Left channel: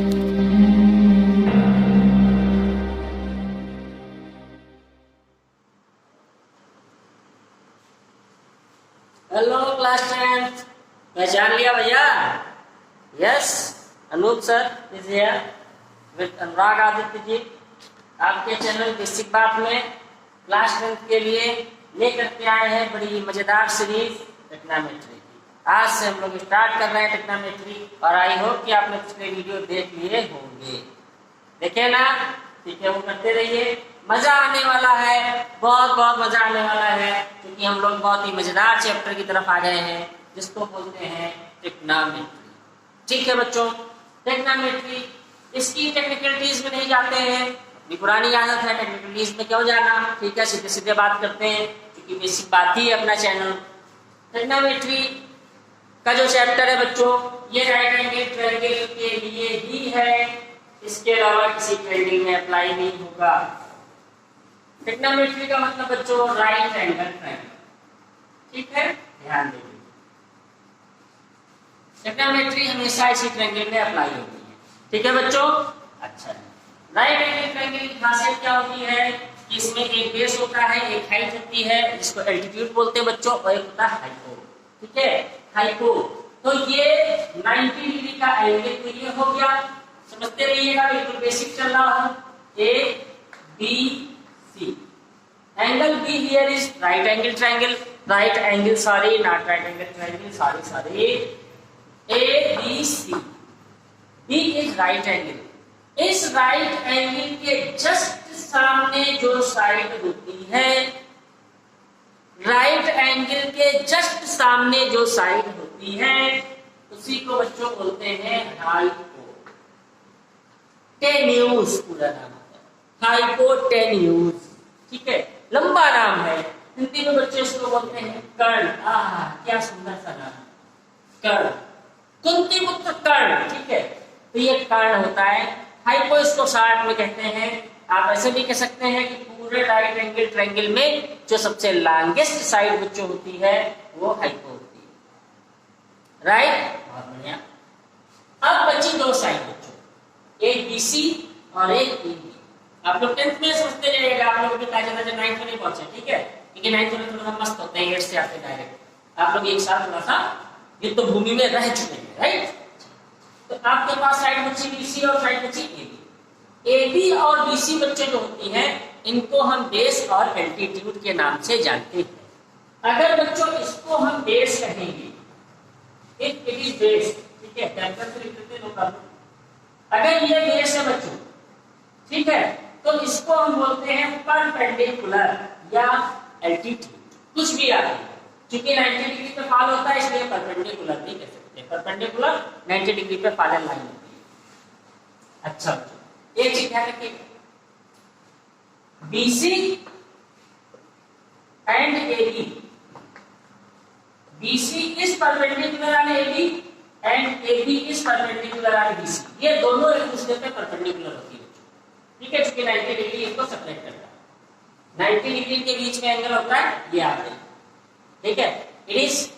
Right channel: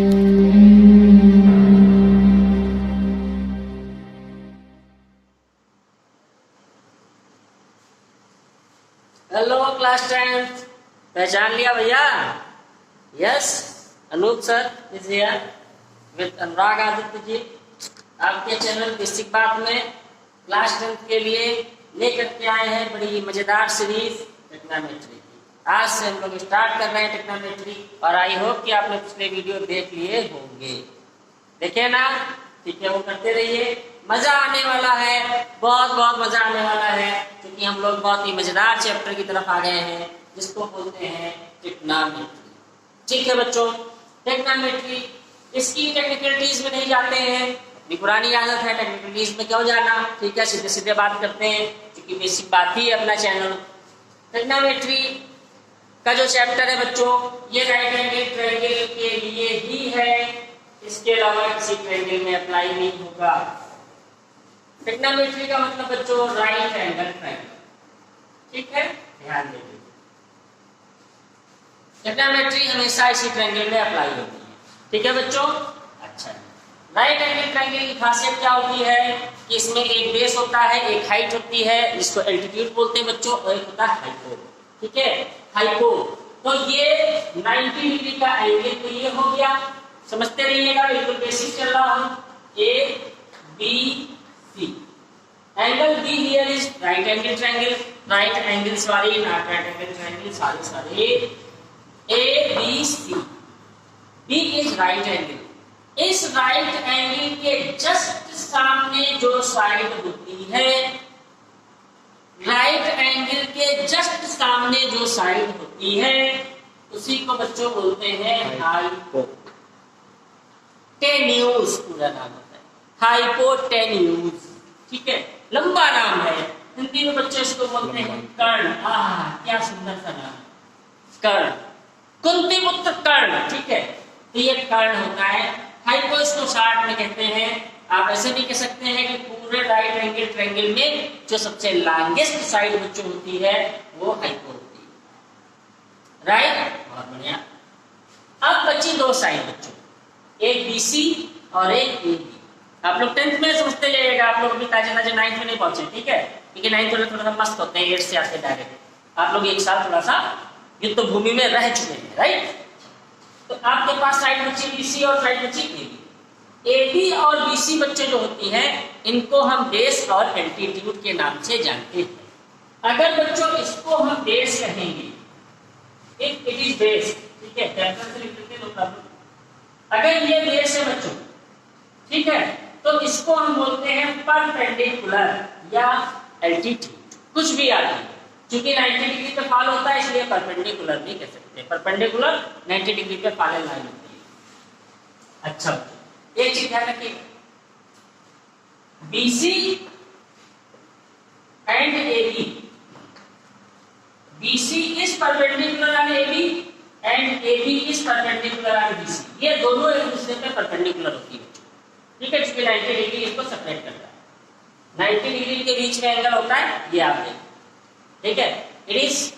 Hello class tenth, पहचान लिया भैया? Yes, Anoop sir is here with Anurag Aditya ji, आपके चैनल बेसिक बात में क्लास टेंथ के लिए लेकर के आए हैं बड़ी मजेदार सीरीज टेक्नोमेट्री की। आज से हम लोग स्टार्ट कर रहे हैं टेक्नोमेट्री और आई होप कि आपने पिछले वीडियो देख लिए होंगे। देखे ना? ठीक है, वो करते रहिए, मजा आने वाला है, बहुत बहुत मजा आने वाला है, क्योंकि हम लोग बहुत ही मजेदार चैप्टर की तरफ आ गए हैं जिसको बोलते हैं टेक्नोमेट्री। ठीक है बच्चों, टेक्नोमेट्री इसकी टेक्निकलिटीज में नहीं जाते हैं, अपनी पुरानी आदत है टेक्निकलिटीज में क्यों जाना। ठीक है, सीधे सीधे बात करते हैं क्योंकि बेसिक बात ही है अपना चैनल। टेक्नोमेट्री का जो चैप्टर है बच्चों, ये राइट एंगल ट्रायंगल के लिए ही है, इसके अलावा किसी ट्रायंगल में अप्लाई नहीं होगा। टेक्नोमेट्री का मतलब बच्चों राइट एंगल ट्रायंगल। ठीक है, ध्यान दीजिए, टेक्नोमेट्री हमेशा इसी ट्रायंगल में अप्लाई होती है। ठीक है बच्चों, अच्छा, राइट एंगल ट्रायंगल की खासियत क्या होती है कि इसमें एक बेस होता है, एक हाइट होती है, इसको एल्टीट्यूड बोलते हैं बच्चों, और एक होता है हाइपो। ठीक है, हाइपो, तो ये 90 डिग्री का एंगल के लिए हो गया। समझते रहिएगा, बिल्कुल बेसिक चल रहा हो। A b c, angle b here is right angle triangle, right angle sorry not right angle triangle, sorry a b c, b is right angle. इस राइट एंगल के जस्ट सामने जो साइड होती है, राइट एंगल के just सामने जो side होती है, उसी को बच्चों बोलते हैं हाइपो टेन्यूज, पूरा नाम होता है हाइपोटेन्यूज। ठीक है, लंबा नाम है, हिंदी में बच्चों इसको बोलते हैं कर्ण। क्या सुंदर सा नाम, कर्ण, कुंती पुत्र कर्ण। ठीक है, तो ये कर्ण होता है। हाइपो इसको शॉर्ट में कहते हैं। आप ऐसे भी कह सकते हैं कि पूरे राइट एंगल ट्रायंगल में जो सबसे लॉन्गेस्ट साइड बच्चों होती है वो हाइपो होती है। राइट, बहुत बढ़िया। अब बची दो साइड बच्चों, एक बीसी और एक ए बी। आप लोग 10th में समझते जाइएगा, आप लोग भी ताजे 9th में नहीं पहुंचे। ठीक है, क्योंकि 9th में थोड़ा सा मस्त होते हैं, 8 से आते डायरेक्ट। आप लोग एक साल थोड़ा सा युद्ध भूमि में रह चुके हैं। राइट, तो आपके पास साइड बची बीसी और साइड बची ए बी। ए बी और बीसी बच्चे जो होती हैं, इनको हम बेस और एल्टीट्यूड के नाम से जानते हैं। अगर बच्चों इसको हम बेस कहेंगे, इफ इट इज बेस, ठीक है, कैपिटल से लिख लेते हैं, नो प्रॉब्लम। अगर ये बेस है बच्चों, ठीक है, तो इसको हम बोलते हैं परपेंडिकुलर या एल्टीट्यूड, कुछ भी आगे, क्योंकि 90 डिग्री पे फॉल होता है इसलिए परपेंडिकुलर भी कह सकते हैं। परपेंडिकुलर 90 डिग्री पे फॉलन लाइन होती है। अच्छा, एक चीज ध्यान रखिएगा, BC and a b, BC is perpendicular on a b and a b is perpendicular on BC. ये दोनों एक दूसरे पे परपेंडिकुलर होती है। ठीक है, क्योंकि 90 डिग्री इसको सेपरेट करता है। 90 डिग्री के बीच में एंगल होता है, ये आप देखिए। ठीक है, इट इज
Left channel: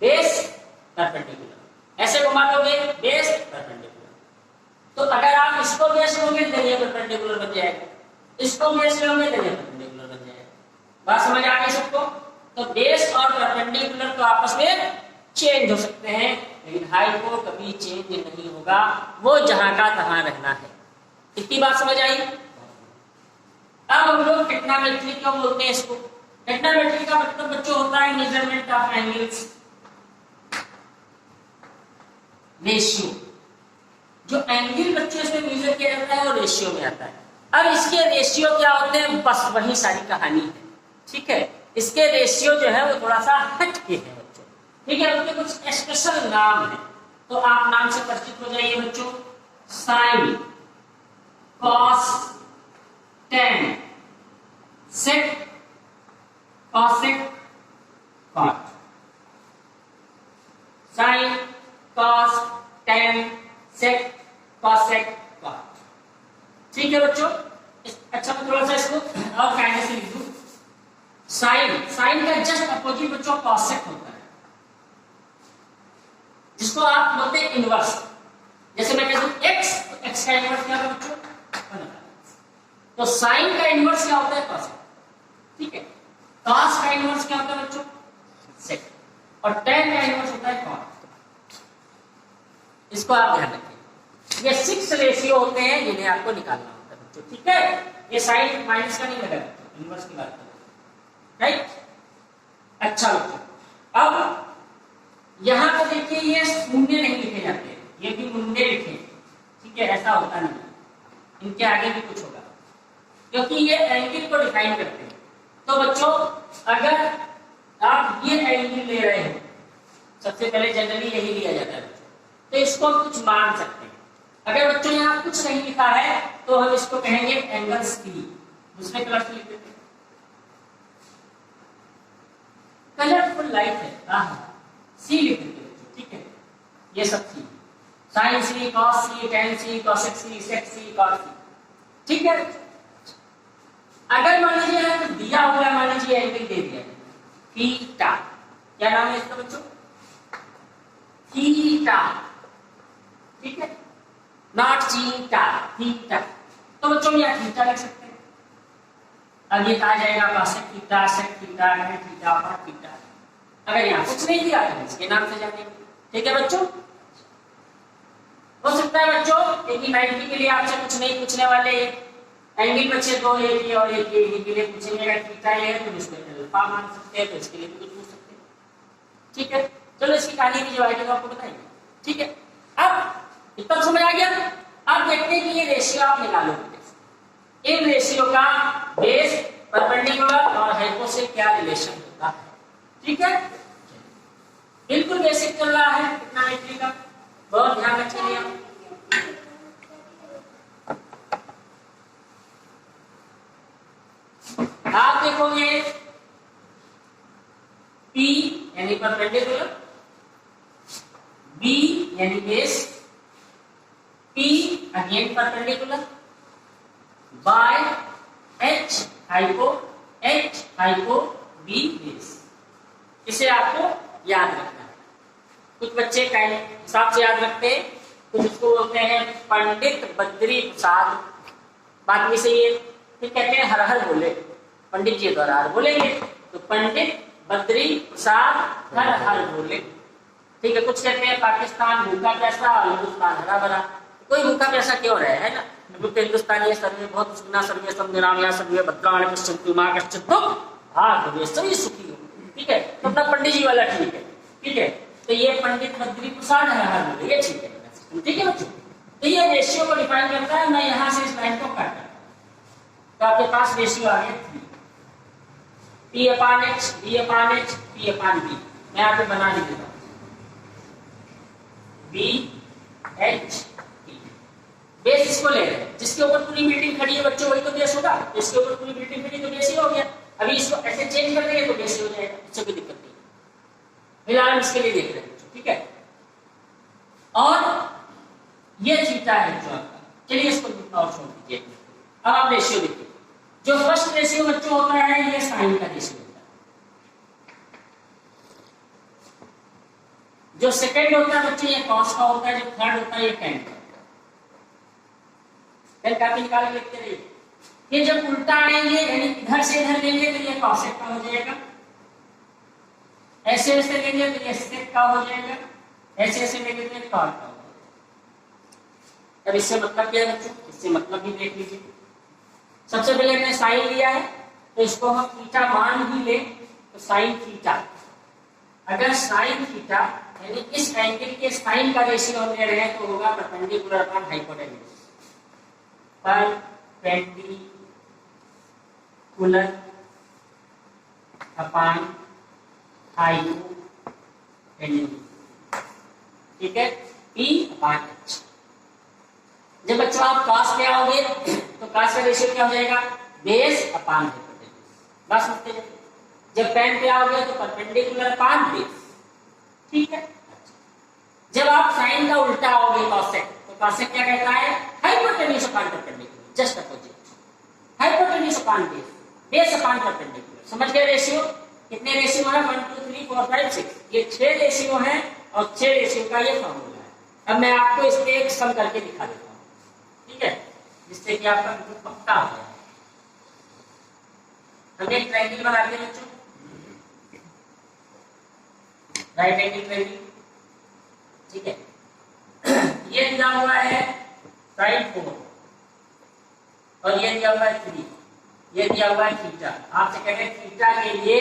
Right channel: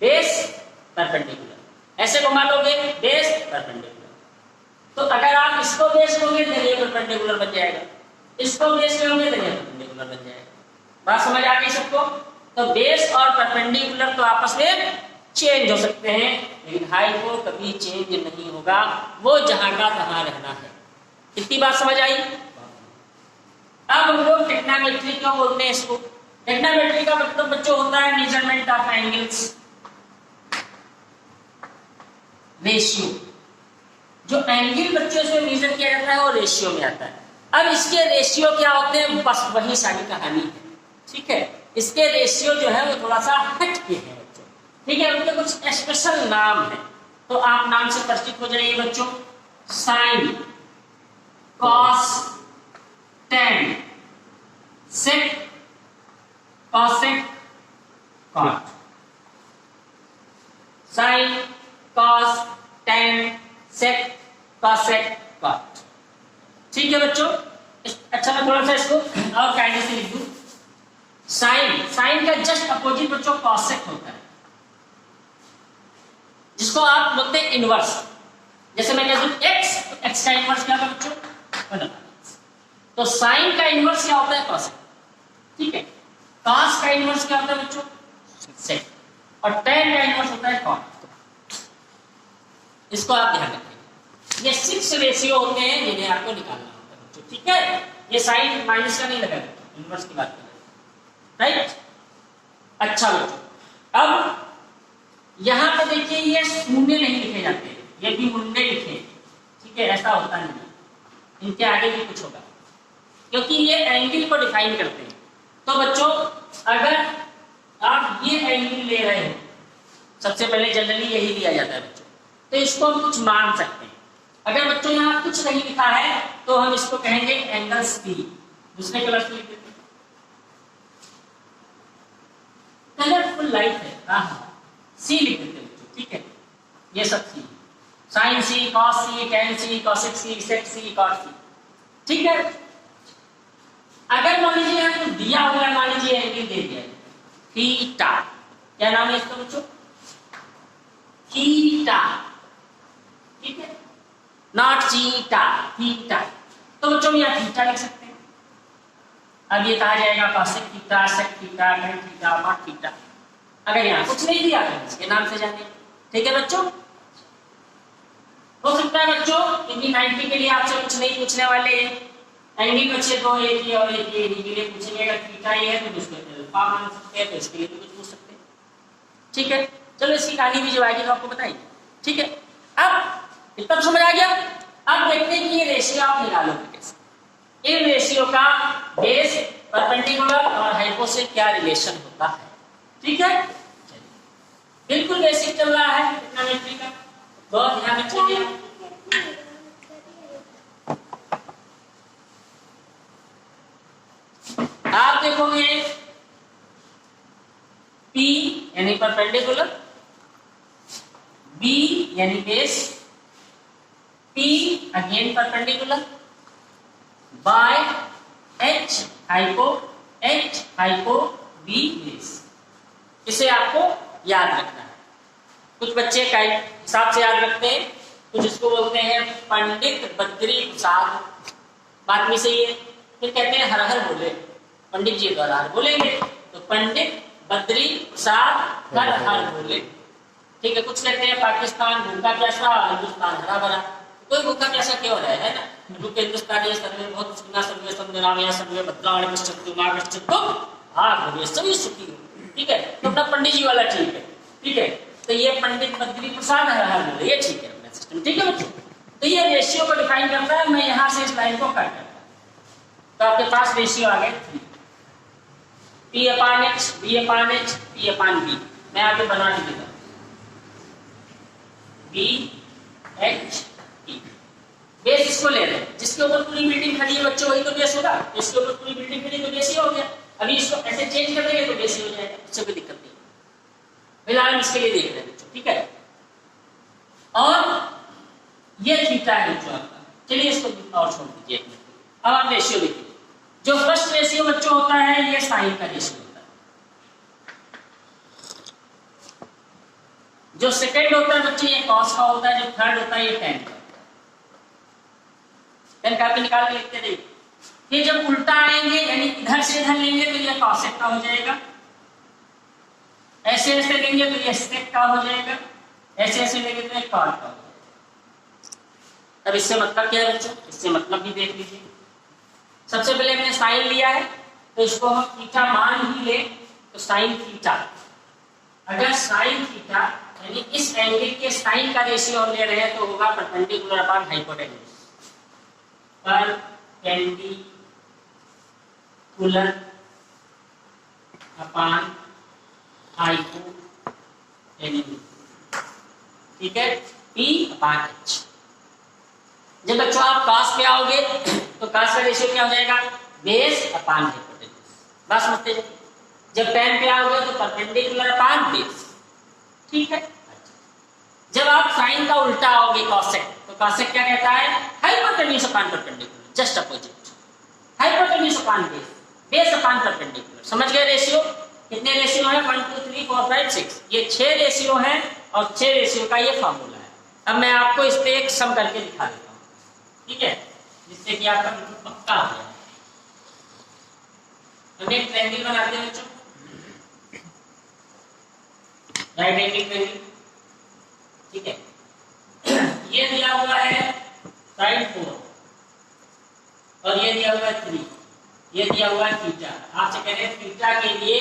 बेस परपेंडिकुलर, ऐसे घुमा लोगे बेस परपेंडिकुलर। तो अगर आप इसको बेस लोगे तो ये परपेंडिकुलर बन जाएगा, इसको बेस लोगे तो ये परपेंडिकुलर बन जाएगा। बात समझ आ गई सबको? तो बेस और परपेंडिकुलर तो आपस में चेंज हो सकते हैं, लेकिन हाइपो कभी चेंज नहीं होगा, वो जहां का तहां रहना है। इतनी बात समझ आई? अब हम लोग टेक्नोमेट्री क्यों बोलते हैं इसको? टेक्नोमेट्री का मतलब बच्चों होता है मेजरमेंट ऑफ एंगल्स, रेशियो। जो एंगल बच्चों से मेजर किया जाता है वो रेशियो में आता है। अब इसके रेशियो क्या होते हैं, बस वही सारी कहानी है। ठीक है, इसके रेशियो जो है वो थोड़ा सा हट के है बच्चों। ठीक है, उनके कुछ स्पेशल नाम है, तो आप नाम से परिचित हो जाइए बच्चों। Sine, cos, tan, sec, cosec, cot. Sine, cos, tan, sec, cosec, cot. ठीक है बच्चों, अच्छा मैं थोड़ा सा इसको और कायदे से लिख दूं। साइन, साइन का जस्ट अपोजिट बच्चों कॉसेक होता है, जिसको आप बोलते हैं इनवर्स। जैसे मैं कह दूं एक्स, तो x का इनवर्स क्या होगा बच्चों? 1/x। तो साइन का इनवर्स क्या होता है? cos। ठीक है, cos का इनवर्स क्या होता है बच्चों? sec। और tan का इनवर्स होता है cot। इसको आप ध्यान रखें। ये 6 रेशियो होते हैं जिन्हें आपको निकालना होता है बच्चों। ठीक है, ये साइन माइनस का नहीं लगा बच्चों, इनवर्स की बात करें। राइट, अच्छा बच्चों, अब यहां पे देखिए ये शून्य नहीं लिखे जाते, ये भी मुंडे लिखे। ठीक है, ऐसा होता नहीं है, इनके आगे भी कुछ होगा क्योंकि ये एंगल को डिफाइन करते हैं। तो बच्चों अगर आप ये एंगल ले रहे हो, सबसे पहले जनरली यही दिया जाता है बच्चों, तो इसको हम कुछ मान सकते हैं। अगर बच्चों यहाँ कुछ नहीं लिखा है तो हम इसको कहेंगे एंगल सी। दूसरे कलर से लिख देते हैं, कलरफुल लाइट है, सी लिख देते हैं बच्चों। ठीक है, ये सब सी, साइन सी, कॉस सी, टेन सी, कॉसेक सी, सेक सी, कॉट सी। ठीक है, अगर मान लीजिए यहाँ दिया हुआ है, मान लीजिए एंगल दे दिया थीटा, क्या नाम है इसका बच्चों? थीटा। ठीक है, नॉट चीटा, थीटा। तो बच्चों यहाँ थीटा लिख सकते हैं। अब ये कहा जाएगा cosec theta, sec theta, tan theta, cot theta. अगर यहाँ कुछ नहीं दिया तो इसके नाम से जानिए। ठीक है बच्चों, हो सकता है बच्चों क्योंकि 90 के लिए आपसे कुछ नहीं पूछने वाले, एंगल बच्चे दो एक ही और एक ये के लिए पूछेंगे। अगर थीटा ये है तो इसको अल्फा मान सकते हैं, तो इसके लिए भी कुछ पूछ सकते हैं। ठीक है, चलो इसकी कहानी भी जो आएगी तो आपको बताएंगे। ठीक है, अब इतना समझ आ गया। अब देखते हैं कि ये रेशियो आप निकालोगे कैसे। इन रेशियो का बेस, परपेंडिकुलर और हाइपो से क्या रिलेशन होता है। ठीक है, बिल्कुल बेसिक चल रहा है ट्रिग्नोमेट्री का, बहुत ध्यान रखिए। आप देखोगे P यानी परपेंडिकुलर, B यानी base, P again perpendicular, by H hypo, B base. इसे आपको याद रखना है। कुछ बच्चे का हिसाब से याद रखते हैं, कुछ इसको बोलते हैं पंडित बद्री प्रसाद, बात भी सही है। फिर कहते हैं हर हर बोले, पंडित जी द्वारा हर बोलेंगे तो पंडित बद्री प्रसाद हर हर बोले। ठीक है, कुछ कहते हैं पाकिस्तान भूखा प्यासा, हिंदुस्तान हरा भरा। कोई भूखा प्यासा क्यों रहे, है ना? हिंदुस्तानी सर्वे बहुत सुखना सर्वे संविरामया सर्वे भद्राणि पश्यन्तु मा कश्चित् दुःखभाग् सभी सुखी हो। ठीक है, तो अपना पंडित जी वाला ठीक है। ठीक है, तो ये पंडित बद्री प्रसाद हर हर बोले, ये ठीक है अपना सिस्टम। ठीक है बच्चों, तो ये रेशियो को डिफाइन करता है। मैं यहां से इस लाइन को काट करता हूं, तो आपके पास रेशियो आ गए 3, P/H, B/H, P/B। मैं आपको बना भी देता हूं, BH P। बेस इसको ले रहे हैं, जिसके ऊपर पूरी बिल्डिंग खड़ी है बच्चों वही तो बेस होगा। इसके ऊपर पूरी बिल्डिंग खड़ी तो बेस ही हो गया। अभी इसको ऐसे चेंज कर देंगे तो बेस ही हो जाएगा, इससे कोई दिक्कत नहीं। फिलहाल इसके लिए देख रहे हैं बच्चों। ठीक है, और ये थीटा है बच्चों आपका। चलिए इसको और छोड़ दीजिए। अब आप रेशियो देखिए। जो फर्स्ट रेशियो बच्चों होता है ये साइन का रेशियो होता है। जो सेकंड होता है बच्चों ये कॉस का होता है। जो थर्ड होता है ये टेन का होता है। पेन कापी निकाल के लिखते रहिए। फिर जब उल्टा आएंगे यानी इधर से इधर लेंगे तो ये कॉसेक का हो जाएगा, ऐसे ऐसे लेंगे तो ये सेक का हो जाएगा, ऐसे ऐसे लेंगे तो ये कॉट का हो जाएगा। अब इससे मतलब क्या है बच्चों? इससे मतलब भी देख लीजिए। सबसे पहले मैंने साइन लिया है तो इसको हम थीटा मान ही ले तो साइन थीटा। अगर साइन थीटा यानी इस एंगल के साइन का रेशियो हम ले रहे हैं तो होगा perpendicular upon hypotenuse. Perpendicular upon hypotenuse. ठीक है, P/H। जब बच्चों आप cos पे आओगे तो cos का रेशियो क्या हो जाएगा? Base upon hypotenuse. बस समझते हैं। जब tan पे आओगे तो परपेंडिकुलर अपॉन बेस। ठीक है, जब आप साइन का उल्टा आओगे कॉसेक, तो कॉसेक क्या कहता है? Hypotenuse upon perpendicular, just opposite. Hypotenuse upon base, base upon perpendicular. समझ गए रेशियो? कितने रेशियो है? 1 2 3 4 5 6। ये 6 रेशियो है और 6 रेशियो का ये फॉर्मूला है। अब मैं आपको इस पे एक सम करके दिखा देता हूं। ठीक है, जिससे कि आपका बिल्कुल पक्का हो जाए। हम एक ट्रायंगल बनाते हैं बच्चों, राइट एंगल ट्रायंगल, ठीक है। ये दिया हुआ है साइन 4 और ये दिया हुआ है 3, ये दिया हुआ है थीटा। आपसे कह रहे हैं थीटा के लिए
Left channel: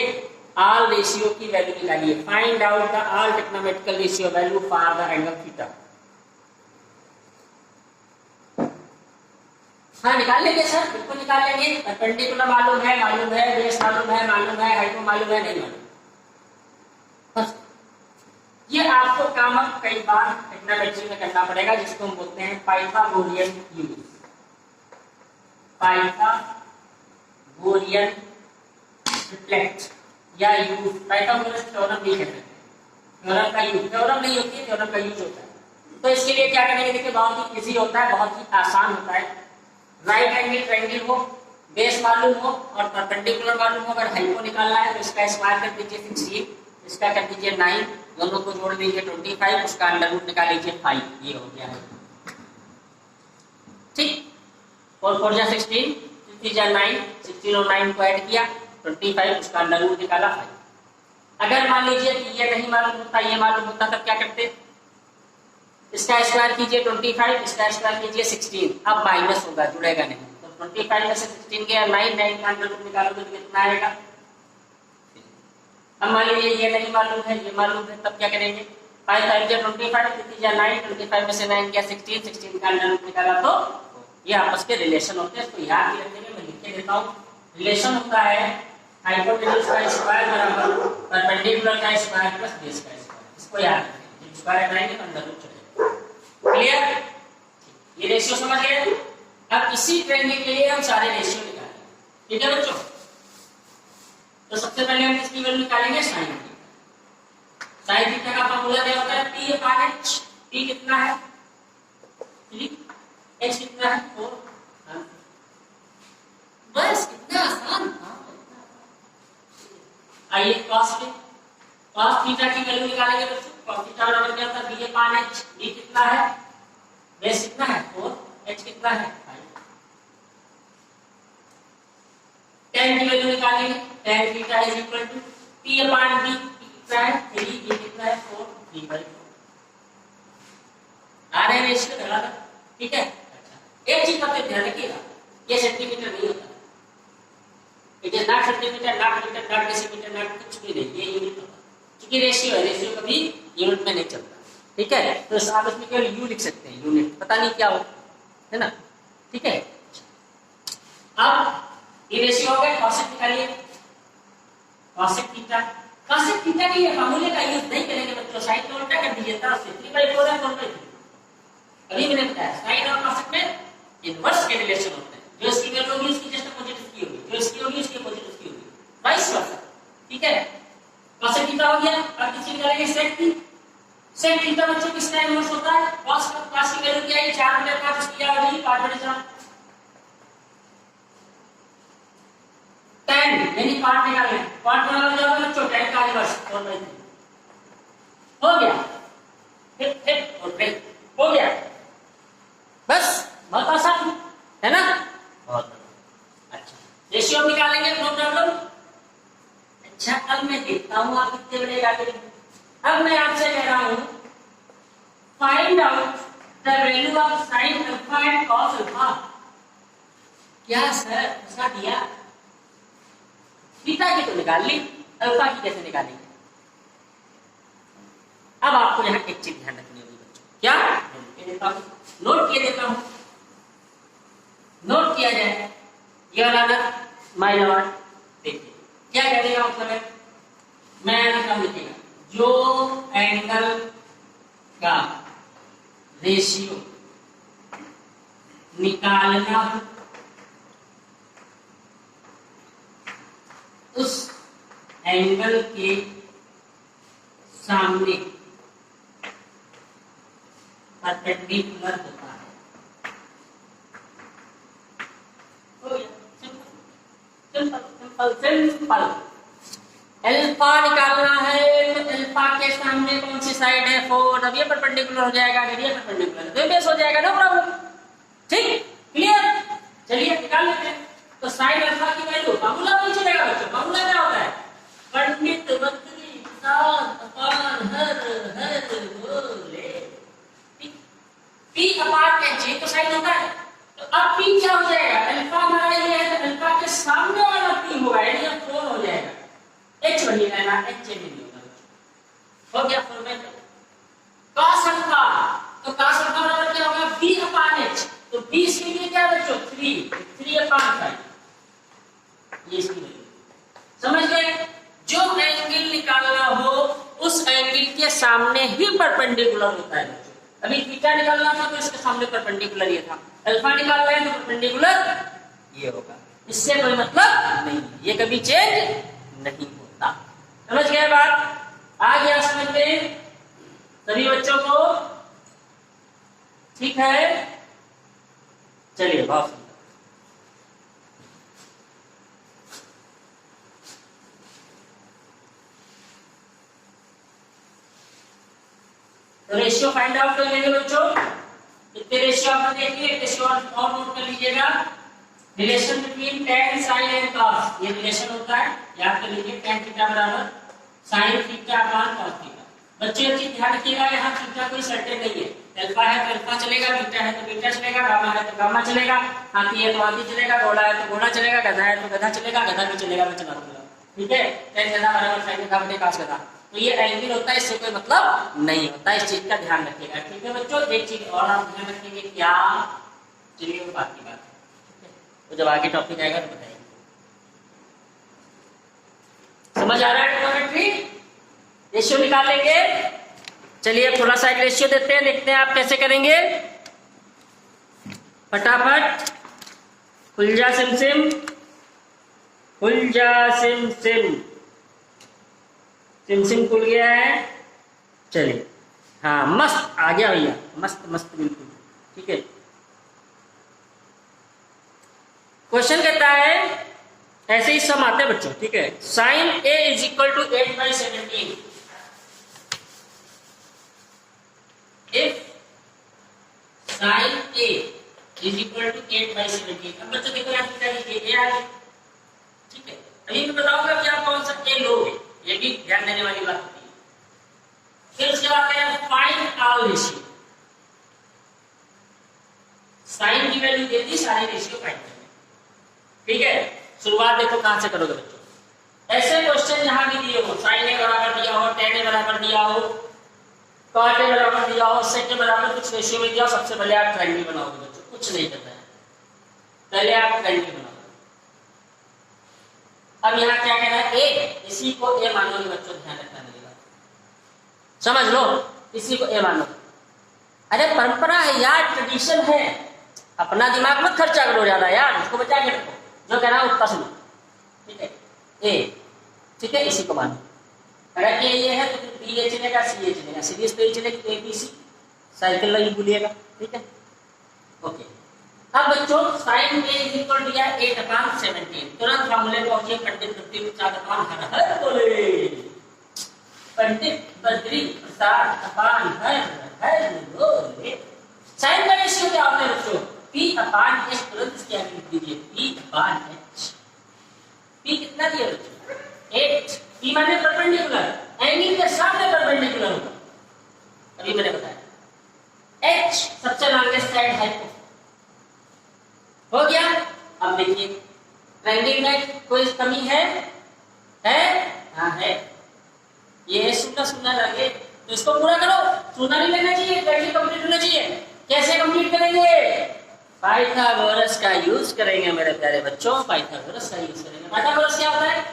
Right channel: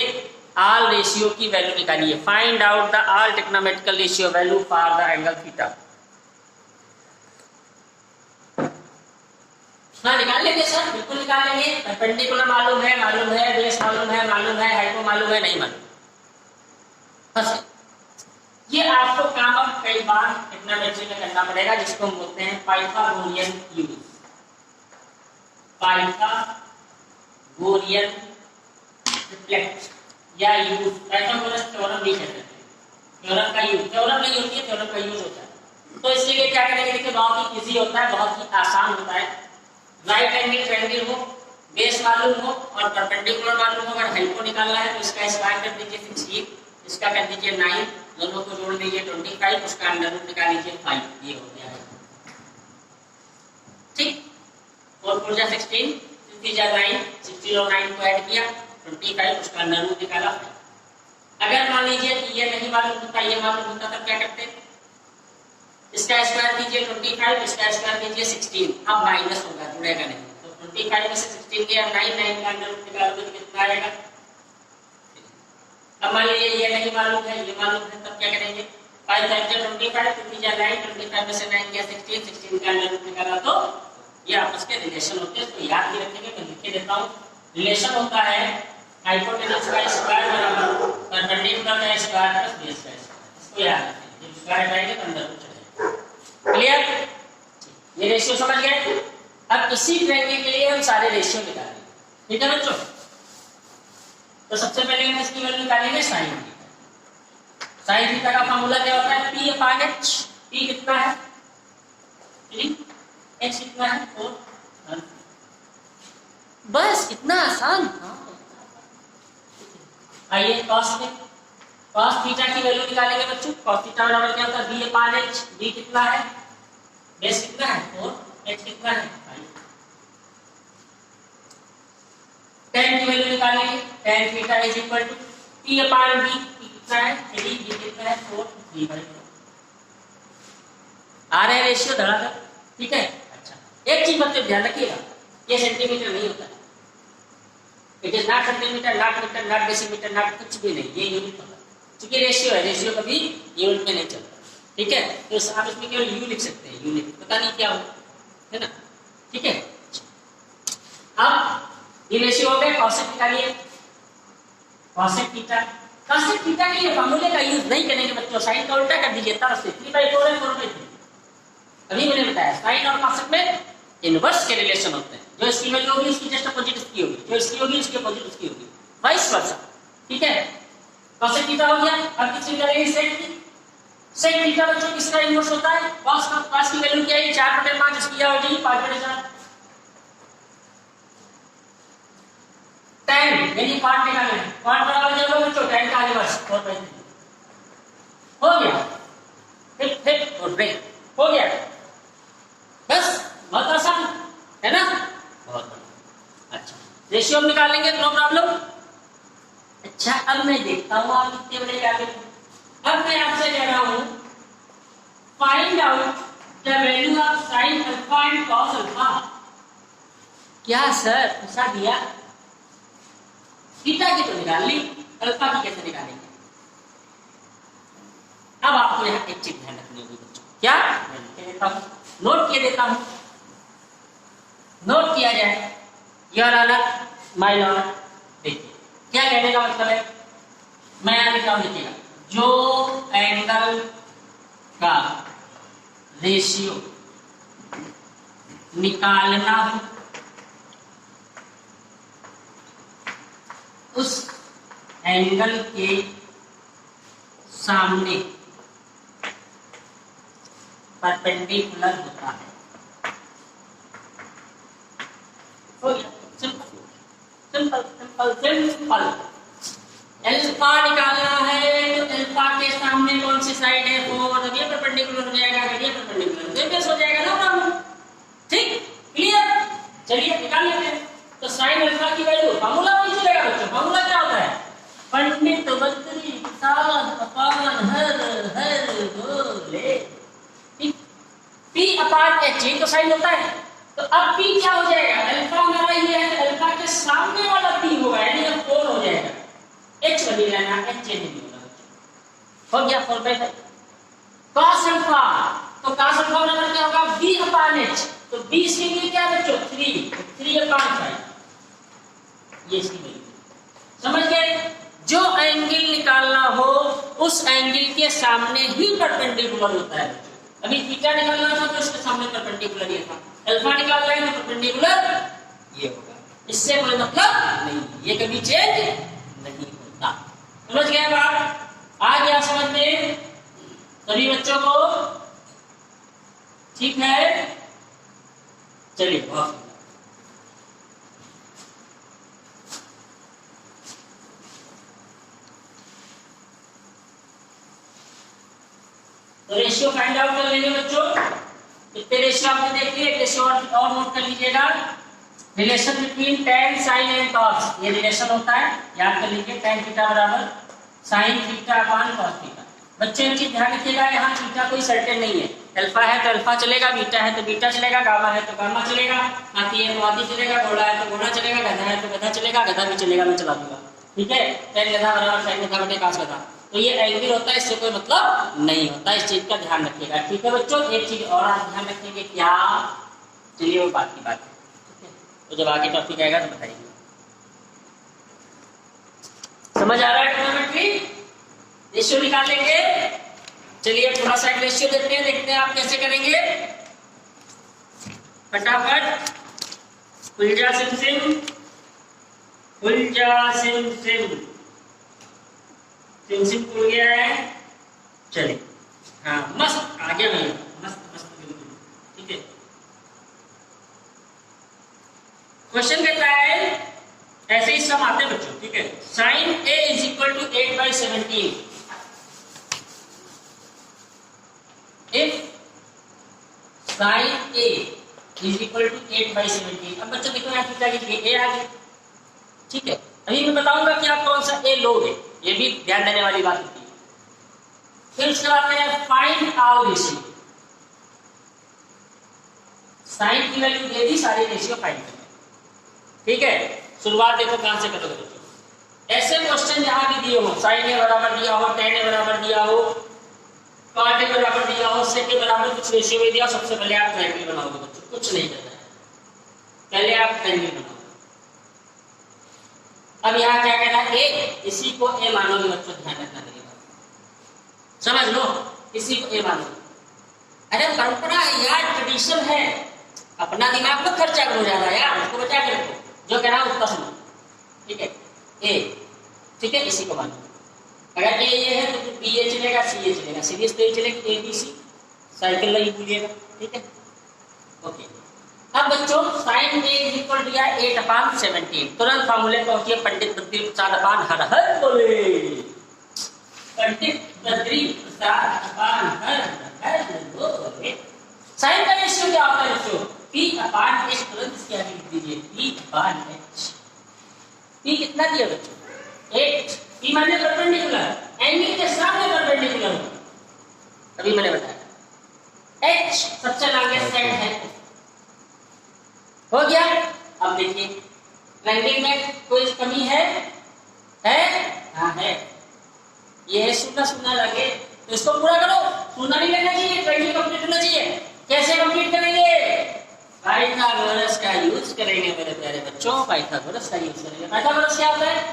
ऑल रेशियो की वैल्यू निकालिए, find out the all trigonometrical ratio value for the angle theta. हाँ निकाल लेंगे सर, बिल्कुल निकाल लेंगे। परपेंडिकुलर मालूम है, बेस मालूम है, हाइपो मालूम है, नहीं मालूम। बस ये आपको काम अब कई बार ट्रिग्नोमेट्री में करना पड़ेगा, जिसको हम बोलते हैं पाइथागोरियन यूज, पाइथागोरियन रिफ्लेक्ट या यूज। पाइथागोरस थ्योरम नहीं कहते, थ्योरम का यूज, थ्योरम नहीं होती है, थ्योरम का यूज होता है। तो इसके लिए क्या करेंगे, देखिए बहुत ही इजी होता है, बहुत ही आसान होता है। राइट एंगल ट्रायंगल हो, बेस मालूम हो और परपेंडिकुलर मालूम हो, अगर हाइपो निकालना है तो इसका स्क्वायर कर दीजिए 16, इसका कर दीजिए 9, दोनों को जोड़ लीजिए 25, उसका अंडर रूट निकाल लीजिए 5, ये हो गया है। ठीक, 4 4 जा 16, 3 जा 9, 16 और 9 को ऐड किया 25, उसका अंडर रूट निकाला 5। अगर मान लीजिए कि ये नहीं मालूम होता, ये मालूम होता, तब क्या करते, इसका स्क्वायर कीजिए 25, इसका स्क्वायर कीजिए 16, अब माइनस होगा, जुड़ेगा नहीं। तो 25 में से 16 गया 9, 9 का अंडर रूट निकालोगे तो कितना आएगा। अब मान लीजिए ये नहीं मालूम है, ये मालूम है, तब क्या करेंगे, 5 5 जा 25, 3 जा 9, 25 में से 9 गया 16, 16 का अंडर रूट निकाला। तो ये आपस के रिलेशन होते हैं, इसको याद नहीं रखेंगे, मैं लिख के देता हूँ। रिलेशन होता है हाइपोटेन्यूज का स्क्वायर बराबर परपेंडिकुलर का स्क्वायर प्लस बेस का स्क्वायर, इसको याद रखेंगे। जब स्क्वायर कराएंगे तो अंदर रूट चढ़ेगा। क्लियर, ये रेशियो समझ गए। अब इसी ट्रायंगल के लिए हम सारे रेशियो निकालेंगे, ठीक है बच्चों। तो सबसे पहले हम किसकी वैल्यू निकालेंगे, साइन थीटा। साइन थीटा का फॉर्मूला क्या होता है, पी अपान एच। पी कितना है 3, एच कितना है 4, बस इतना आसान। आइए कॉस में, कॉस थीटा की वैल्यू निकालेंगे बच्चों। कॉस थीटा बराबर क्या होता है, बी अपान एच। बी कितना है, बेस कितना है 4, एच कितना है 5। tan की वैल्यू निकालेंगे, tan theta is equal to p upon b। कितना है 3, b कितना है 4, 3/4। आ रहा है रेशियो धराधर, ठीक है। अच्छा, एक चीज बच्चों ध्यान रखिएगा, ये सेंटीमीटर नहीं होता है, it is not centimetre, not metre, not decimetre, not कुछ भी नहीं, ये यूनिट होता है। क्योंकि रेशियो है, रेशियो कभी यूनिट में नहीं चलता, ठीक है। तो आप इसमें केवल यू लिख सकते हैं, यूनिट पता नहीं क्या हो, है ना, ठीक है। अब ये रेशियो हो गया, कॉसेक निकालिए, कॉसेक थीटा। कॉसेक थीटा के लिए फार्मूले का यूज नहीं करेंगे बच्चों, साइन का उल्टा कर दीजिए, तरफ से 3/4 है 4/3। अभी मैंने बताया साइन और कॉसेक में इनवर्स के रिलेशन होते हैं, जो इसकी वैल्यू होगी उसकी जस्ट अपोजिट इसकी होगी, जो इसकी होगी उसकी अपोजिट इसकी होगी, वाइस वर्सा, ठीक है। कॉसेक थीटा हो गया। अब किसकी करेंगे, सेक की। सेक थीटा बच्चों किसका इनवर्स होता है, कॉस का। कॉस की वैल्यू क्या है 4/5, इसकी क्या हो जाएगी 5/4। tan यानी कॉट निकालेंगे, कॉट बराबर क्या होगा बच्चों, tan का इनवर्स 4/3 हो गया। फिर और ब्रेक हो गया, बस बहुत आसान है ना, बहुत बढ़िया। अच्छा, रेशियो हम निकालेंगे, नो प्रॉब्लम। अच्छा, अब मैं देखता हूं आप कितने बड़े निकाले। अब मैं आपसे कह रहा हूं find out the value of sine alpha and cos alpha. क्या सर ऐसा दिया, थीटा की तो निकाल ली, अल्फा की कैसे निकालेंगे। अब आपको यहां एक चीज ध्यान रखनी होगी बच्चों, क्या नोट किए देता हूं, नोट किया जाए। योर ऑनर, माय लॉर्ड, देखिए क्या कहने का मतलब है, मैं यहां लिखा हूं, लिखिएगा, जो एंगल का रेशियो निकालना हो उस एंगल के सामने परपेंडिकुलर होता है। Simple simple simple. अल्फा निकालना है तो अल्फा के सामने कौन सी साइड है 4, अब ये परपेंडिकुलर हो जाएगा, अगर ये परपेंडिकुलर तो बेस हो जाएगा, नो प्रॉब्लम, ठीक। साइन अल्फा की वैल्यू फार्मूला नहीं चलेगा बच्चों। फार्मूला क्या होता है? पंडित बद्री किसान अपान हर बोले, पी अपान एच, ये तो साइन होता है। तो अब पी क्या हो जाएगा? अल्फा हमारा ये है कि अल्फा के सामने वाला पी होगा, यानी अब 4 हो जाएगा। एच वही रहना, एच चेंज नहीं होगा बच्चों। हो गया 4/5। कॉस अल्फा, तो कॉस अल्फा बराबर क्या होगा? बी अपान एच। तो बी से ये क्या है बच्चों? 3/5। ये इसकी वैल्यू समझ गए? जो एंगल निकालना हो उस एंगल के सामने ही परपेंडिकुलर होता है बच्चों। अभी थीटा निकालना था तो इसके सामने परपेंडिकुलर ये था, अल्फा निकालना है तो परपेंडिकुलर ये होगा। इससे कोई मतलब नहीं, ये कभी चेंज नहीं होता। समझ गया बात? आ गया समझ में सभी बच्चों को? ठीक है, चलिए बहुत तो रेशियो फाइंड आउट कर लेंगे बच्चों। कितने रेशियो आपने देख लिए? रेशियो और नोट कर लीजिएगा। Relation between tan sin and cos, ये रिलेशन होता है, याद कर लीजिए। tan थीटा बराबर sin theta upon cos theta. बच्चों एक चीज ध्यान रखिएगा, यहाँ थीटा कोई सर्टेन नहीं है। अल्फा है तो अल्फा चलेगा, बीटा है तो बीटा चलेगा, गामा है तो गामा चलेगा, हाथी है तो हाथी चलेगा, घोड़ा है तो घोड़ा चलेगा, गधा है तो गधा चलेगा, गधा भी चलेगा, मैं चला दूंगा। ठीक है, tan गधा बराबर sin गधा बटे cos गधा। तो ये एंगल होता है, इससे कोई मतलब नहीं होता, इस चीज का ध्यान रखिएगा। ठीक है बच्चों, एक चीज और आप ध्यान रखेंगे क्या? चलिए वो बात की बात है, ठीक है? तो जब आगे टॉपिक आएगा तो बताइए। समझ आ रहा है ट्रिग्नोमेट्री? रेशियो निकाल लेंगे। चलिए थोड़ा सा रेशियो देते हैं, देखते हैं आप कैसे करेंगे। फटाफट खुलजा सिम सिम, खुलजा सिम सिम, सिम खुल गया है। चलिए हाँ, मस्त आ गया भैया, मस्त मस्त बिल्कुल। ठीक है, क्वेश्चन कहता है ऐसे ही सम आते हैं बच्चों। ठीक है, sine a is equal to 8/17 if sine a is equal to 8/17। अब बच्चों देखो यहाँ थीटा की a आ गई। ठीक है, अभी मैं बताऊंगा कि आप कौन सा a लोगे, ये भी ध्यान देने वाली बात होती है। फिर उसके बाद फाइंड ऑल रेशियो, साइन की वैल्यू दे दी, सारे रेशियो फाइंड करना। ठीक है, शुरुआत देखो कहां से करोगे बच्चों। ऐसे क्वेश्चन जहां भी दिए हो, साइन ए बराबर दिया हो, tan ए बराबर दिया हो, cot ए बराबर दिया हो, sec ए बराबर कुछ रेशियो में दिया हो, सबसे पहले आप ट्रायंगल बनाओगे बच्चों, कुछ नहीं करना है, पहले आप ट्रायंगल बनाओगे। अब यहाँ क्या कहना है? ए, इसी को ए मानोगे बच्चों, ध्यान रखना मेरी बात, समझ लो, इसी को ए मानोगे। अरे परंपरा है यार, ट्रेडिशन है, अपना दिमाग मत खर्चा करो ज्यादा यार, उसको बचा के रखो, जो कह रहा है उसका सुनो। ठीक है, ए, ठीक है, इसी को मानो। अगर ए ये है तो फिर बी ए चलेगा, सी ए चलेगा, सीरीज तो ये चलेगी, ए बी सी, साइकिल नहीं भूलिएगा। ठीक है, ओके। अब बच्चों साइन ए इक्वल दिया 8/17, तुरंत फार्मूले पहुंचिए, पंडित बद्री प्रसाद अपान हर हर बोले, पंडित बद्री प्रसाद अपान हर हर बोले। साइन का रेशियो क्या होता है बच्चों? P/H, तुरंत इसकी आगे लिख दीजिए, P/H। P कितना दिया बच्चों? 8। P माने परपेंडिकुलर, एंगल के सामने परपेंडिकुलर होगा, अभी मैंने बताया। H सबसे लॉन्गेस्ट साइड हाइपो हो गया। अब देखिए ट्रायंगल में कोई कमी है? हाँ है, ये है शून्य शून्य लगे, तो इसको पूरा करो, शून्य नहीं लेना चाहिए, ट्रायंगल कंप्लीट होना चाहिए। कैसे कंप्लीट करेंगे? पाइथागोरस का यूज करेंगे मेरे प्यारे बच्चों, पाइथागोरस का यूज करेंगे। पाइथागोरस क्या होता है?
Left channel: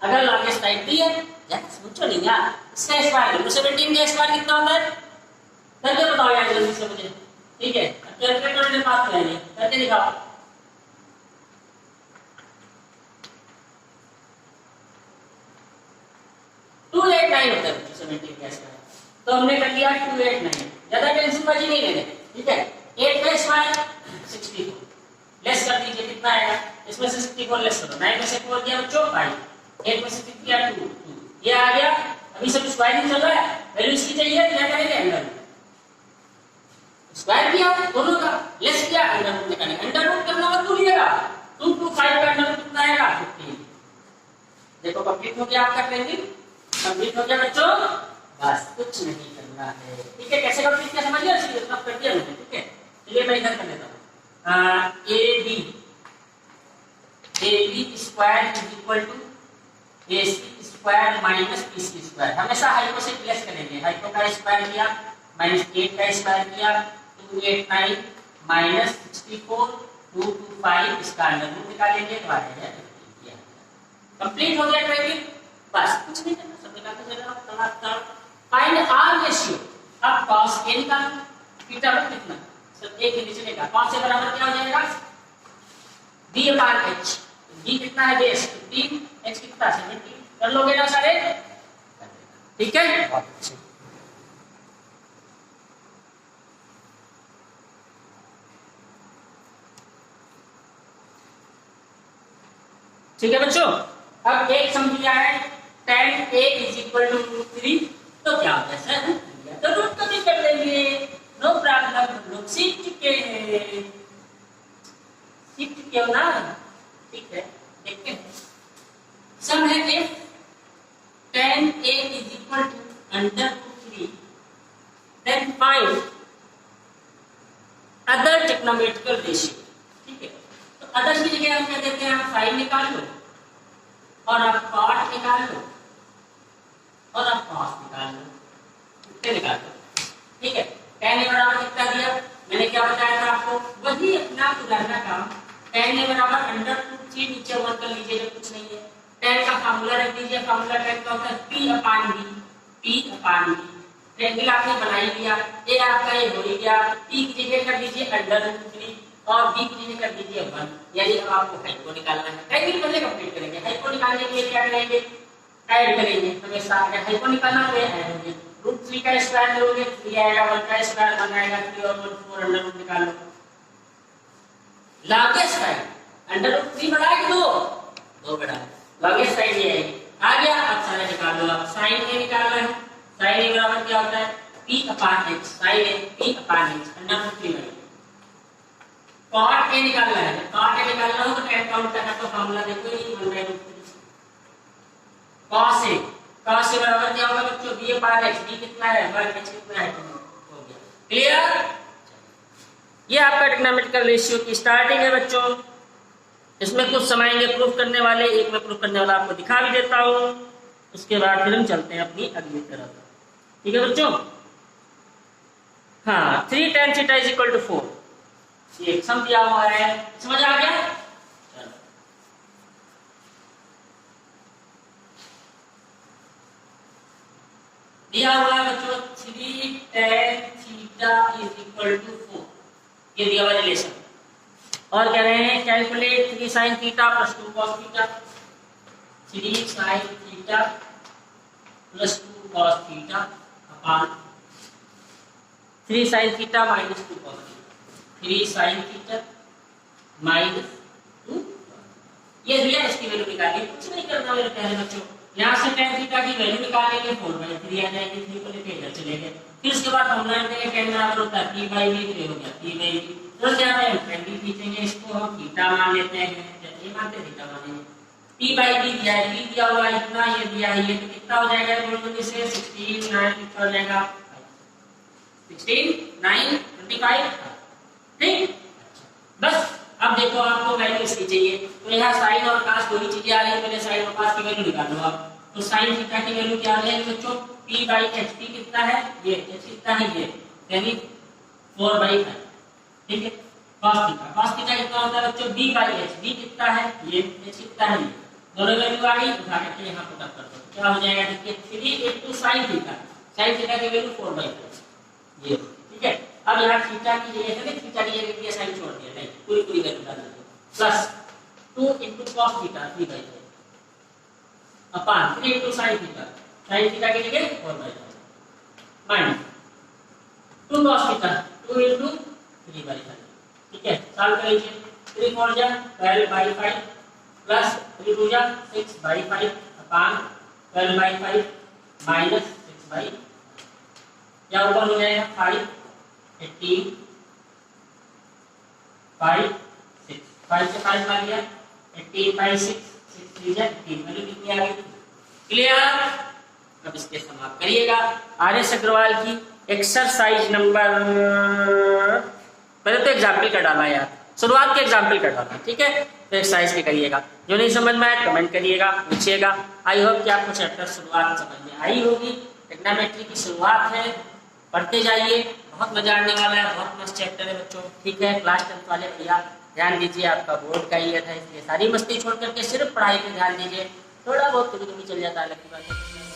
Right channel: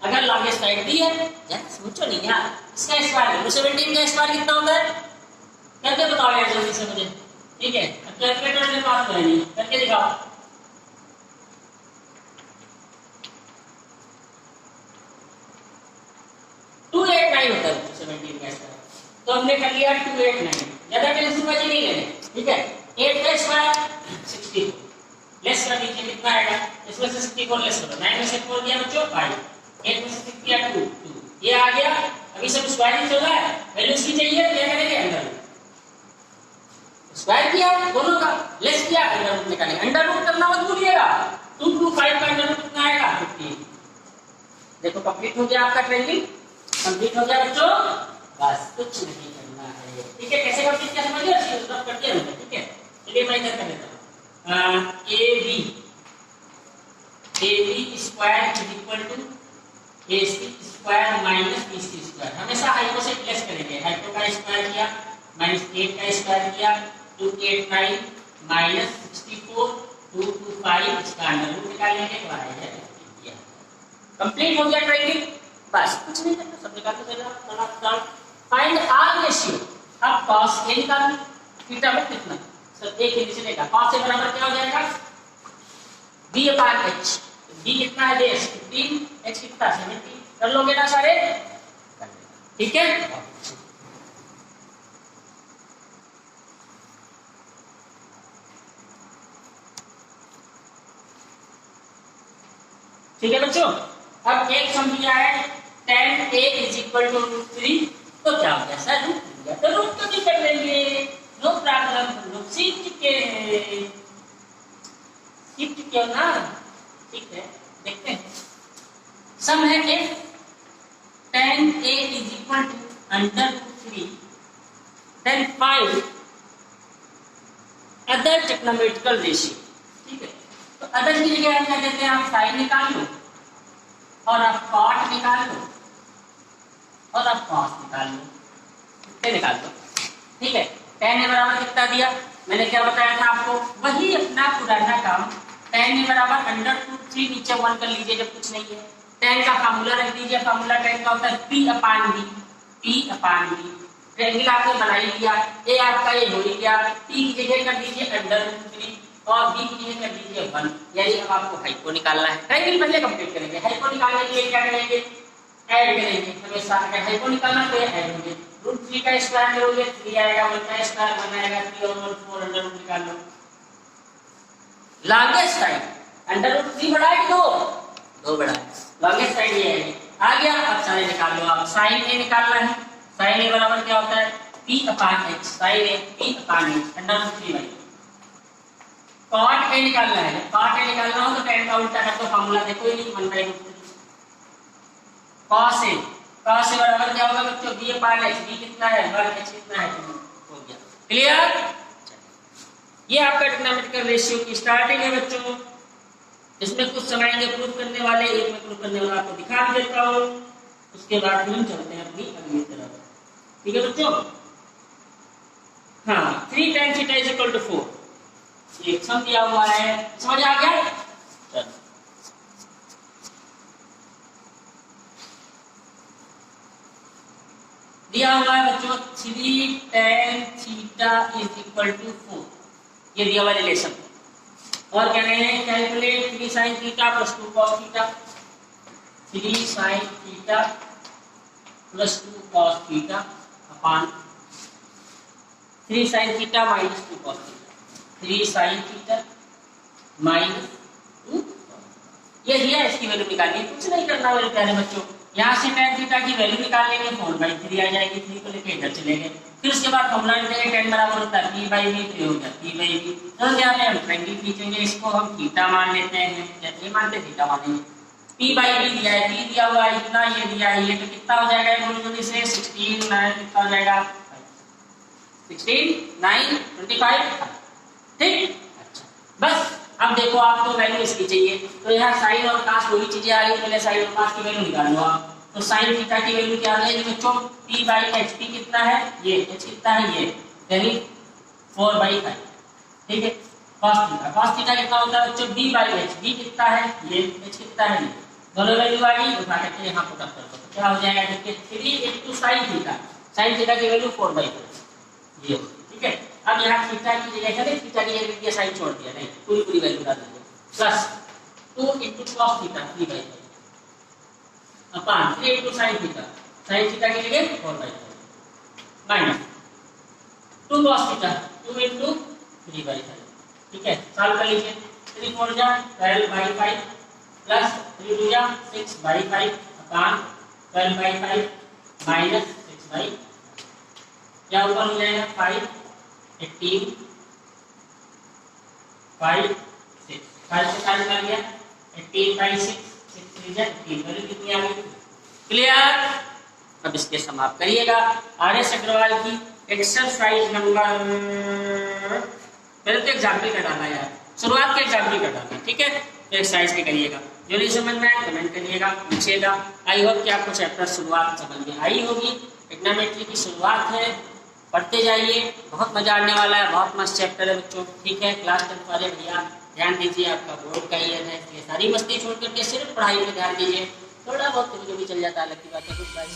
अगर लॉन्गेस्ट साइड दी है, यार सोचो नहीं यार, इसका स्क्वायर 17 का स्क्वायर कितना होता है? करके बताओ यार जल्दी से मुझे। ठीक है, अब कैलकुलेटर मेरे पास तो है नहीं, करके दिखाओ। टू 289 होता है बच्चों 17 का स्क्वायर, तो हमने कर लिया 289, ज्यादा टेंशन बाजी नहीं लेने। ठीक है, 8 का स्क्वायर 64, लेस कर दीजिए, कितना आएगा? इसमें से 64 लेस करो, 9 में से 4 दिया बच्चों 5, 8 में से 6 दिया 2, ये आ गया। अभी सब स्क्वायर ही चल रहा है, वैल्यू इसकी चाहिए, क्या करेंगे? अंडर स्क्वायर किया दोनों का, लेस किया, अंडर रूट निकालेंगे। अंडर रूट करना मत भूलिएगा, 2 to 5 का अंडर रूट कितना आएगा 15। देखो कंप्लीट हो गया आपका ट्रेनिंग, कंप्लीट हो गया बच्चों, बस कुछ नहीं करना है। ठीक है, कैसे कंप्लीट किया समझ लिया, सब कर दिया हमने। ठीक है, चलिए मैं इधर कर लेता हूँ। AB square is equal to AC square minus BC square. हमेशा हाइपो से प्लस करेंगे, हाइपो का स्क्वायर किया माइनस 8 का स्क्वायर किया 2 8 9 माइनस 64 2 2 5 इसका अंडर रूट निकालेंगे तो आ जाएगा। कंप्लीट हो गया ट्रायंगल, बस कुछ नहीं करना, सब निकाल के चले जाओ। Find our ratio. अब cos A निकाल, थीटा पर कितना सर A के नीचे लेगा, cos A बराबर क्या हो जाएगा B/H। B कितना है बेस 15, H कितना 70। कर लोगे ना सारे, ठीक है। ठीक है बच्चों, अब एक सम दिया है tan A is equal to √3, तो क्या होगा सर तो रूट तो भी कर लेंगे, नो प्रॉब्लम। लोग शिफ्ट क्यों ना, ठीक है देखते हैं। सम है कि tan A is equal to √3, then find other trigonometrical ratio. ठीक है, तो अदर की जगह हम क्या देते हैं, आप साइन निकाल लो और आप कॉट निकाल लो और आप कॉस निकाल लो, कितने निकाल लो। ठीक है, tan A बराबर कितना दिया, मैंने क्या बताया था आपको, वही अपना पुराना काम। tan A बराबर √3, नीचे 1 कर लीजिए जब कुछ नहीं है। tan का फार्मूला रख दीजिए, फार्मूला tan का होता है P/B। P/B ट्रायंगल आपने बना ही लिया, A आपका ये हो ही गया, P की जगह कर दीजिए √3 और B की जगह कर दीजिए 1, यानी अब आपको हाइपो निकालना है। ट्रायंगल पहले कंप्लीट करेंगे, हाइपो निकालने के लिए क्या करेंगे, ऐड करेंगे हमेशा। अगर हाइपो निकालना तो ऐड होंगे, √3 का स्क्वायर करोगे 3 आएगा, 1 का स्क्वायर 1 आएगा, 3 और 1 4 अंडर रूट निकाल लो। लॉन्गेस्ट साइड √3 बड़ा है कि 2 बड़ा है, लॉन्गेस्ट साइड ये है। आ गया, अब सारे निकाल लो आप। साइन A निकालना है, साइन A बराबर क्या होता है P/H, sign A P/H √3। Cot A निकालना है, जब कॉट A निकालना हो तो tan का उल्टा कर दो, फार्मूला देखो ये 1/√3। cos A बराबर क्या होगा बच्चों B/H, B कितना है 1, H कितना है 2, हो गया। क्लियर, ये आपका ट्रिग्नोमेट्रिकल रेशियो की स्टार्टिंग है बच्चों। इसमें कुछ समझेंगे प्रूफ करने वाले, एक में प्रूफ करने वाला आपको दिखा भी देता हूँ, उसके बाद फिर हम चलते हैं अपनी अगली तरफ। ठीक है बच्चों, हाँ 3 tan θ इज इक्वल टू 4, ये सम दिया हुआ है, समझ आ गया। चलो दिया हुआ है बच्चों 3 tan θ इज इक्वल टू 4, ये दिया हुआ रिलेशन। और कह रहे हैं calculate 3 sin θ plus 2 cos θ, 3 sin θ plus 2 cos θ upon 3 sin θ minus 2 cos θ, 3 sin θ minus 2। ये दिया, इसकी वैल्यू निकालिए, कुछ नहीं करना मेरे प्यारे बच्चों। यहाँ से tan θ की वैल्यू निकाल लेंगे, 4/3 आ जाएगी, 3 को लेके इधर चले गए। फिर उसके बाद फॉर्मूला निकालेंगे, tan बराबर होता है P/B, तो होगा P/B। तो यहाँ पे हम ट्रायंगल खींचेंगे, इसको हम थीटा मान लेते हैं, या नहीं मानते थीटा मानेंगे। P/B दिया है, P दिया हुआ है इतना, ये दिया है ये, तो कितना हो जाएगा दोनों से 16 9 कितना हो जाएगा 16 9 25। ठीक, अच्छा बस अब देखो आपको वैल्यू इसकी चाहिए, तो यहाँ साइन और कास वही चीजें आ रही है, पहले साइन और कास की वैल्यू निकाल लो आप। तो साइन थीटा की वैल्यू क्या है बच्चों P/H, P कितना है ये, H कितना है ये, यानी 4/5। ठीक है, cos थीटा कितना होता है बच्चों B/H, B कितना है ये, H कितना है ये, दोनों वैल्यू आ गई, उठा करके यहाँ पुट अप कर दो, क्या हो जाएगा देखिए 3 * sin थीटा, sin थीटा की वैल्यू 4/4 ये। ठीक है, अब यहाँ थीटा की जगह चले, थीटा की जगह दिया साइन छोड़ दिया, नहीं पूरी वैल्यू डाल दीजिए, plus 2 * cos theta 3/5 upon 3 * sin theta, sin theta की जगह 4/5 माइनस 2 cos थीटा 2 * 3/5। ठीक है, सॉल्व कर लीजिए, 3 4 जा 12/5 प्लस 3 2 जा 6/5 अपॉन 12/5 माइनस 6/5, क्या ऊपर हो जाएगा 5 18 5 6। 5 से 5 भाग गया 18/6, 6 3 जा 18, वैल्यू कितनी आ गई? क्लियर? अब इसके समाप्त करिएगा। आर.एस. अग्रवाल की एक्सरसाइज नंबर, पहले तो एग्जाम्पल का डालना यार, शुरुआत के एग्जाम्पल का डालना, ठीक है? तो एक्सरसाइज पे करिएगा, जो नहीं समझ में आया कमेंट करिएगा, पूछिएगा। आई होप कि आपको चैप्टर शुरुआत समझ में आई होगी। ट्रिग्नोमेट्री की शुरुआत है, पढ़ते जाइए, बहुत मजा आने वाला है, बहुत मस्त चैप्टर है बच्चों, ठीक है? क्लास 10 वाले भैया ध्यान दीजिए, आपका बोर्ड का ईयर है, इसलिए सारी मस्ती छोड़ करके सिर्फ पढ़ाई पे ध्यान दीजिए। थोड़ा बहुत कभी कभी चल जाता है, अलग की बात है, कुछ बात